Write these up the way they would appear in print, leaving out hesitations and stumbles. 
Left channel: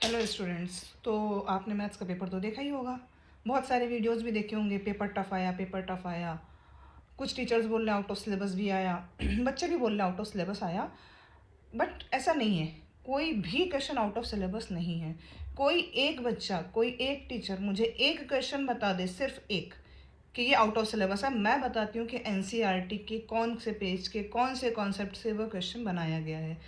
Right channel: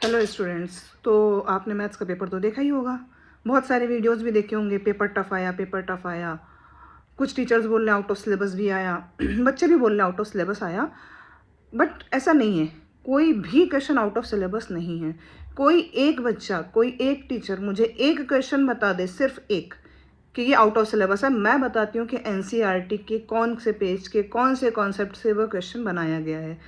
Hello students. तो आपने maths का पेपर तो देखा ही होगा, बहुत सारे वीडियोस भी देखे होंगे। पेपर टफ आया, पेपर टफ आया। कुछ टीचर्स बोल रहे हैं आउट ऑफ सिलेबस भी आया बच्चे भी बोल रहे हैं आउट ऑफ सिलेबस आया। बट ऐसा नहीं है, कोई भी क्वेश्चन आउट ऑफ सिलेबस नहीं है। कोई एक बच्चा, कोई एक टीचर मुझे एक क्वेश्चन बता दे, सिर्फ एक, कि ये आउट ऑफ सिलेबस है। मैं बताती हूँ कि एनसीईआरटी के कौन से पेज के कौन से कॉन्सेप्ट से वो क्वेश्चन बनाया गया है।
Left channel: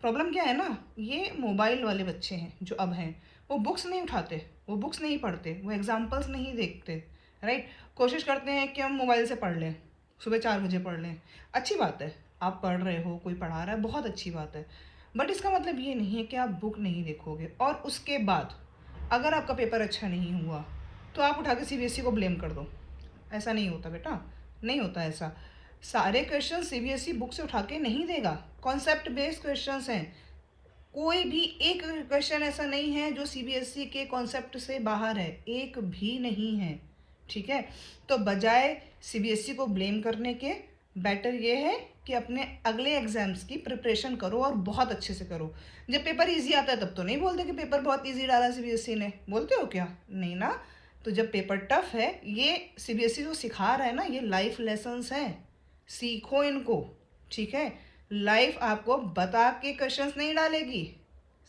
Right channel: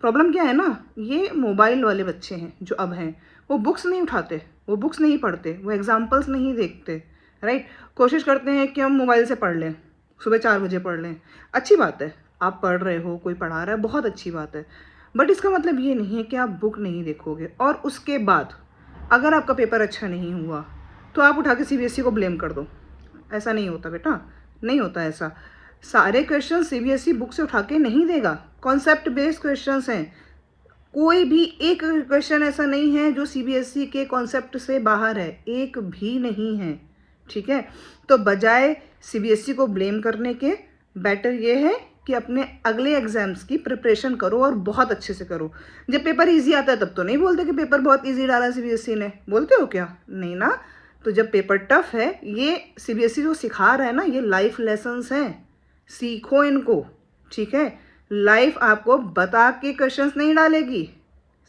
प्रॉब्लम क्या है ना, ये मोबाइल वाले बच्चे हैं जो अब हैं, वो बुक्स नहीं उठाते, वो बुक्स नहीं पढ़ते, वो एग्जाम्पल्स नहीं देखते। राइट। कोशिश करते हैं कि हम मोबाइल से पढ़ लें, सुबह 4 बजे पढ़ लें। अच्छी बात है, आप पढ़ रहे हो, कोई पढ़ा रहा है, बहुत अच्छी बात है। बट इसका मतलब ये नहीं है कि आप बुक नहीं देखोगे और उसके बाद अगर आपका पेपर अच्छा नहीं हुआ तो आप उठा के सीबीएसई को ब्लेम कर दो। ऐसा नहीं होता बेटा, नहीं होता ऐसा। सारे क्वेश्चन सीबीएसई बुक से उठा के नहीं देगा, कॉन्सेप्ट बेस्ड क्वेश्चंस हैं। कोई भी एक क्वेश्चन ऐसा नहीं है जो सीबीएसई के कॉन्सेप्ट से बाहर है, एक भी नहीं है। ठीक है। तो बजाय सीबीएसई को ब्लेम करने के, बेटर ये है कि अपने अगले एग्जाम्स की प्रिपरेशन करो और बहुत अच्छे से करो। जब पेपर इजी आता है तब तो नहीं बोलते कि पेपर बहुत इजी डाला सीबीएसई ने, बोलते हो क्या? नहीं ना। तो जब पेपर टफ है, ये सीबीएसई जो सिखा रहा है ना, ये लाइफ लेसन्स हैं, सीखो इनको। ठीक है। लाइफ आपको बता के क्वेश्चंस नहीं डालेगी।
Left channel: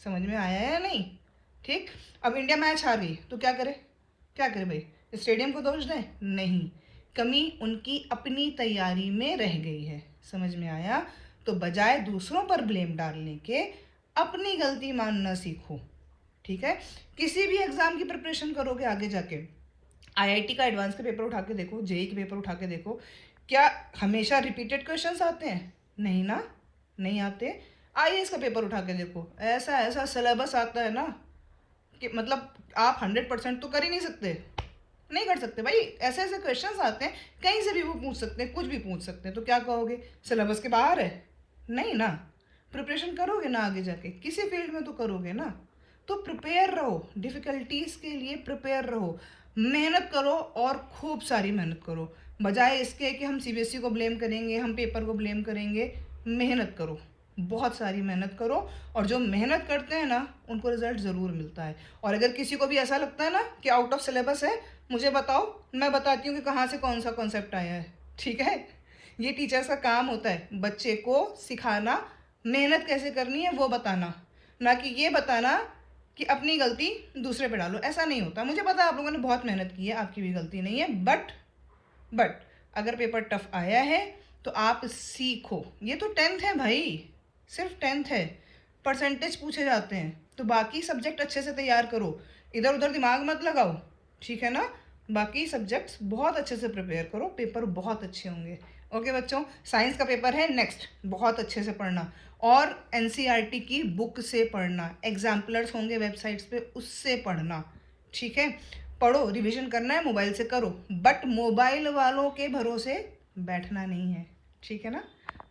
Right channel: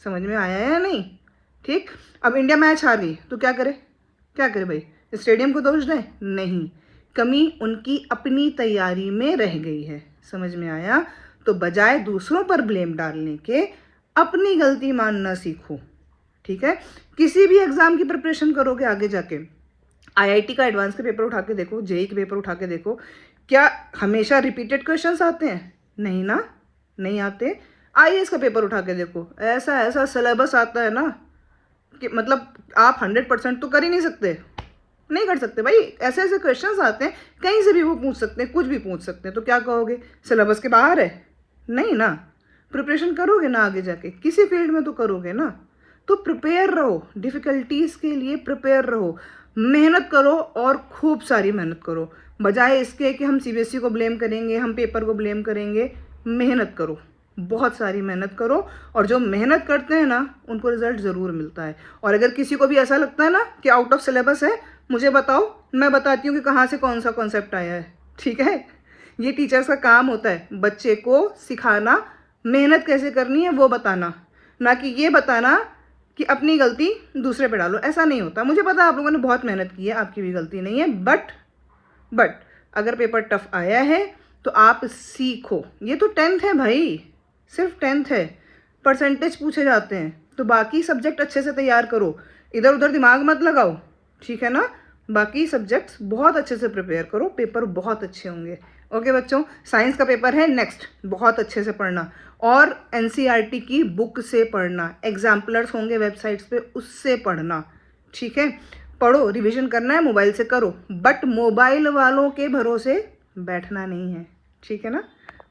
समझ में आया है या नहीं? ठीक। अब इंडिया मैच हार गई तो क्या करे? क्या करे भाई? स्टेडियम को दोष दें? नहीं, कमी उनकी अपनी तैयारी में रह गई है। समझ में आया? तो बजाय दूसरों पर ब्लेम डालने के अपनी गलती मानना सीखो। ठीक है। किसी भी एग्जाम की प्रिपरेशन करोगे आगे जाके, आईआईटी का एडवांस के पेपर उठा के देखो, जेई के पेपर उठा के देखो, क्या हमेशा रिपीटेड क्वेश्चंस आते हैं? नहीं ना, नहीं आते। आईएएस का पेपर उठा के देखो, ऐसा ऐसा सिलेबस आता है ना कि मतलब आप 100% तो कर ही नहीं सकते, नहीं कर सकते भाई। ऐसे ऐसे क्वेश्चंस आते हैं, कहीं से भी वो पूछ सकते हैं, कुछ भी पूछ सकते हैं। तो क्या कहोगे, सिलेबस के बाहर है? नहीं ना। प्रिपरेशन करोगे ना आगे जाके, किसी फील्ड में तो करोगे ना। तो प्रिपेयर रहो, डिफ़िकल्टीज़ के लिए प्रिपेयर रहो, मेहनत करो और खूब सारी मेहनत करो। बजाय इसके कि हम सीबीएसई को ब्लेम करेंगे, हम पेपर को ब्लेम करेंगे, मेहनत करो, बहुत सारी मेहनत करो। और जो मेहनत करते हैं ना, उनको रिजल्ट ज़रूर मिलता है। और अगर किसी को भी ऐसा लगता है ना कि आउट ऑफ सिलेबस है, मुझे बताओ, मैं बताती हूँ कि कहाँ से कौन सा कॉन्सेप्ट आया है। ठीक है। ये टीचर्स का काम होता है, बच्चे को सिखाना, मेहनत कैसे करनी है वो बताना, ना कि ये बताना कि अपनी गलती दूसरे पे डालो। ऐसा नहीं होता। मुझे पता है आप लोगों ने बहुत मेहनत की है, आपकी भी गलती नहीं है। बट अगर पेपर टफ आया है तो आप सीखो। ये तो 10th है भाई, सिर्फ 10th है, परसेंटेज पूछे जाते हैं। तो बाकी सब्जेक्ट अच्छे से तैयार करो, इधर उधर दिमाग मत लगाओ। ठीक है ना। बाकी सब्जेक्ट्स बहुत अच्छे से प्रिपेयर करो, पेपर बहुत अच्छे होंगे। ओके बच्चों, साइंस का पेपर है नेक्स्ट, बहुत अच्छे से पढ़ना और एनसीईआरटी की बुक से पढ़ना, एग्जाम्पलर्स होंगे वेबसाइट्स पे, उससे पढ़ना। ठीक है। पढ़ो, रिवीजन करना है, मोबाइल से करो, बट मोबाइल वालों के भरोसे बैठना नहीं है। ठीक है ना।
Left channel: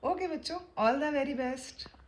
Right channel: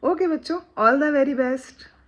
ओके बच्चों, ऑल द वेरी बेस्ट।